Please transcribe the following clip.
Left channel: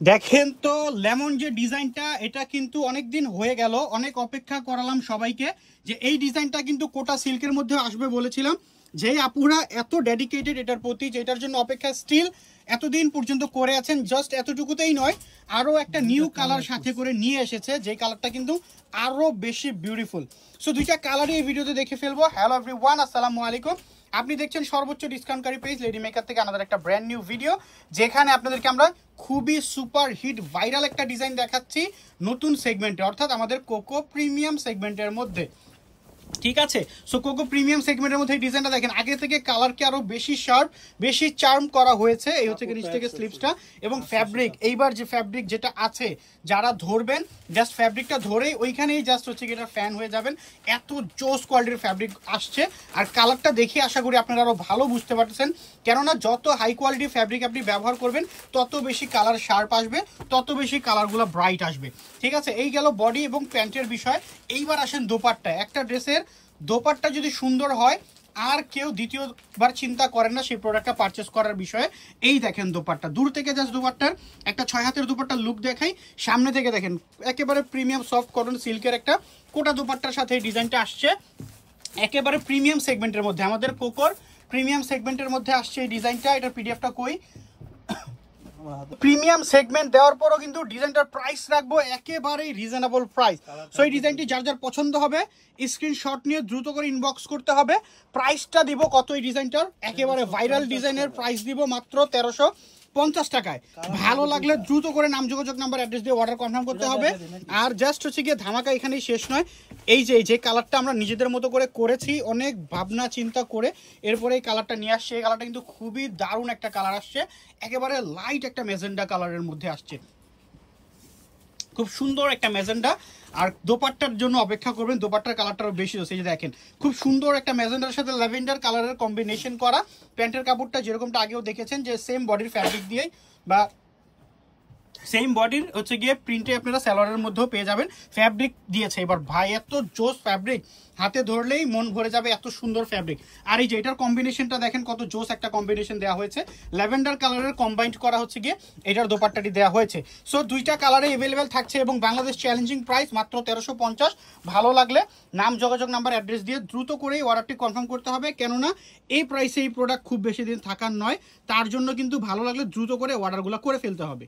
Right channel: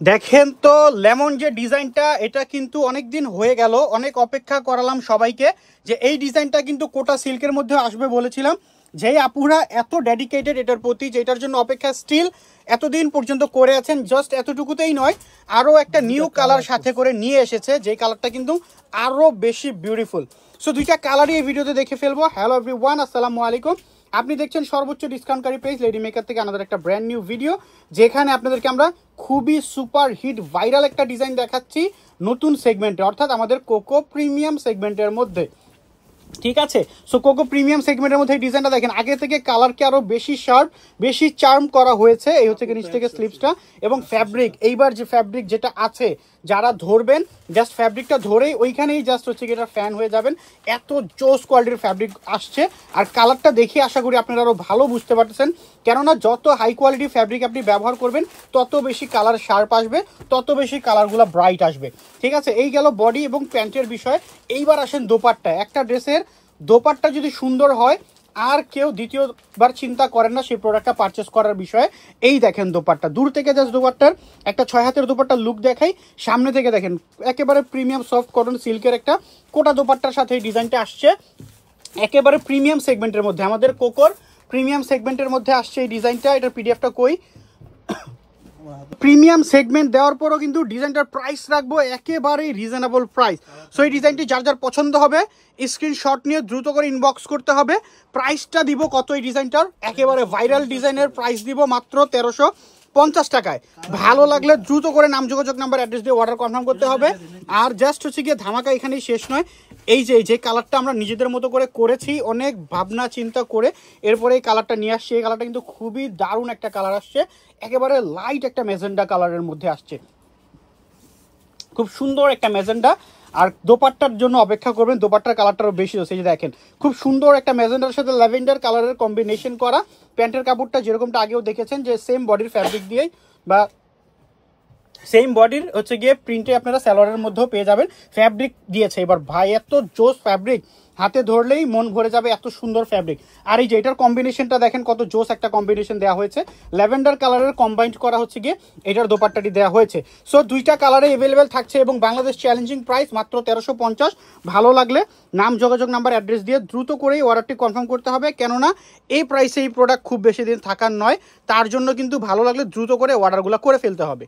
দেখেন তো লেমন যে ডিজাইনটা, এটা কিন্তু অনেক দিন হয়ে গেল, অনেক অপেক্ষা করালাম সবাইকে যে এই ডিজাইনটা কিন্তু কোটা সিল্কের মধ্যে আসবে বলেছিলাম। যেই আপুরা এত ডেডিকেটেড এটার প্রতি, যেটার জন্য অপেক্ষা স্টিল এতদিন পর্যন্ত করে আছেন, জাস্ট এতটুকুতেই নয়, আরও একটা নিউ কালার সাথে করে নিয়ে এসেছে, যে কালারটা কিন্তু আরও বেশি বিউটিফুল। সো দুইটা কালারই এই ভিডিওতে দেখে ফেলবো। হ্যালো এভরিওয়ান, আসসালামু আলাইকুম। আপনি দেখছেন সর্বোচ্চ ডিসকাউন্টকারী পেজ লেডি মেকার থেকে আমাদের একটা ব্র্যান্ড নিউ ভিডিও, যেখানে আপনাদেরকে আমরা খুবই সুপার হিট ভাইরাল একটা ডিজাইন দেখাচ্ছি নতুন সেগমেন্টে, অর্থাৎ আমাদের কোকো প্রিমিয়াম সেগমেন্টের মধ্যে। ঠিক আছে, সো কোকো প্রিমিয়াম সেগমেন্টের মধ্যে এই ডিজাইনটা দেখেন, আগে থেকে কালারকে আরো বেশি শার্প, বেশি চার্ম করা হয়েছে। এই হচ্ছে নিচ থেকে স্লিপসটা এবং ফ্যাব্রিক, এইবার যে ফ্যাব্রিক যেটা আছে, যারা ধরবেন জাস্ট ফ্যাব্রিকটা ধরেই ওইখানেই জাস্ট হচ্ছে কি এটা ফ্যান হয়ে যাবেন, এত জোস কোয়ালিটির ফ্যাব্রিক আসছে। আর কালারটা দেখে আশা করি আপনারা আরো ভালো বুঝতে পারতেছেন, কেননা যত হাই কোয়ালিটির ফ্যাব্রিক আপনি ব্যবহার করবেন তত বেশি কালার শার্প আসবে, তত বেশি কালারগুলো ব্রাইট আসবে। ঠিক আছে, এই গেল বডি এবং প্যান্টের বিষয়। এইবার আসেন দোপাট্টা। একটা ড্রেসের দোপাট্টা যদি সুন্দর হয় আর কেউ দ্বিতীয়বার চিন্তা করেন না সেই প্রোডাক্টটা পারচেস করার বিষয়ে। এই দেখেন দোপাট্টা, দূর থেকে জাস্ট দোপাট্টার একটা 6 হাতের দোপাট্টার লুক দেখাই, সামনে থেকে দেখেন একেবারে প্রিমিয়াম সফট কটন সিল্কের একটা কোটা দোপাট্টার সাথে এই ডিজাইনটা আসছে। একেবারে প্রিমিয়াম সেগমেন্টের মধ্যে, আমাদের কোকোর প্রিমিয়াম সেগমেন্টের মধ্যে আসছে এই ডিজাইনটা। এটার পিডিএফটা কই, প্রিমিয়াম সেগমেন্ট দেওয়ার পরও কিন্তু ডিজাইনটার প্রাইস রাখবো একেবারে রিজনেবল প্রাইস। সো এই ডিজাইনটি যার যার পছন্দ হবে স্ক্রিনশট নিয়ে দ্রুত করে ইনবক্স করতে হবে। প্রাইসটা দিব কত এই ডিজাইনটার, একেবারে ভাইরাল ডিজাইনের প্রাইস দিব মাত্র 1350 টাকায়। ভালো লাগলে দ্রুত করে নাম, যোগাযোগ নাম্বার, অ্যাড্রেস দিয়ে অর্ডার কনফার্ম করতে হবে। আর জাস্ট হচ্ছে গিয়ে ধামাকা এখানেই শেষ নয়। এই যে কালারটা আমরা নিজেদের মতো করে করেছি, অনেক ভাবনা চিন্তা করে এরপরে এই কালারটা নিয়ে আসছি। এই কালারটা কিন্তু খুবই দারুণ একটা কালার আসছে, একেবারে লাইট একটা মেজেন্ডা কালারের মধ্যে আসছে, খুব সুন্দর একটা মেজেন্ডা। আর দোপাট্টার জন্য অপেক্ষা করবেন, দোপাট্টার কালারটারও বেশি হচ্ছে। যে দেখেন খুব সুন্দর একটা মেজেন্ডার সাথে ল্যাভেন্ডার কালারের কম্বিনেশন করা। প্যান্টের কাপড়টা যেরকমটা আগেও দেখেছেন যে সেম বডির ফ্যাব্রিক দিয়েই বা সেম বডির হচ্ছে গিয়ে প্রিন্টে আপনারা সালোয়ারের মধ্যেও পেয়ে যাবেন, ফ্যাব্রিক দিয়েছে। এবার ভাই এত জোস ফ্যাব্রিক, হাতে ধরলেই মন ভরে যাবে, এত সুন্দর ফ্যাব্রিক। আর এই যে এটার কম্বিনেশনটা দেখেন কত জোস একটা কম্বিনেশন দেওয়া হয়েছে, ল্যাভেন্ডার কালারের কম্বাইন্ড করা হচ্ছে গিয়ে এটার দোপাট্টাটি দেওয়া হয়েছে। সো দুইটা কালারে অ্যাভেলেবেল থাকছে এবং বাংলাদেশ চ্যালেঞ্জিং প্রাইস মাত্র 1350। ভালো লাগলে নাম, যোগাযোগ নাম্বার, অ্যাড্রেস দিয়ে দ্রুত করেই অর্ডারটি কনফার্ম করতে হবে, কেননা এই প্রাইসে এই প্রোডাক্ট খুব বেশি দিন থাকার নয়। তার জন্য কিন্তু ভালো লাগলে দ্রুত করে অর্ডারগুলো করে ফেলতে হবে।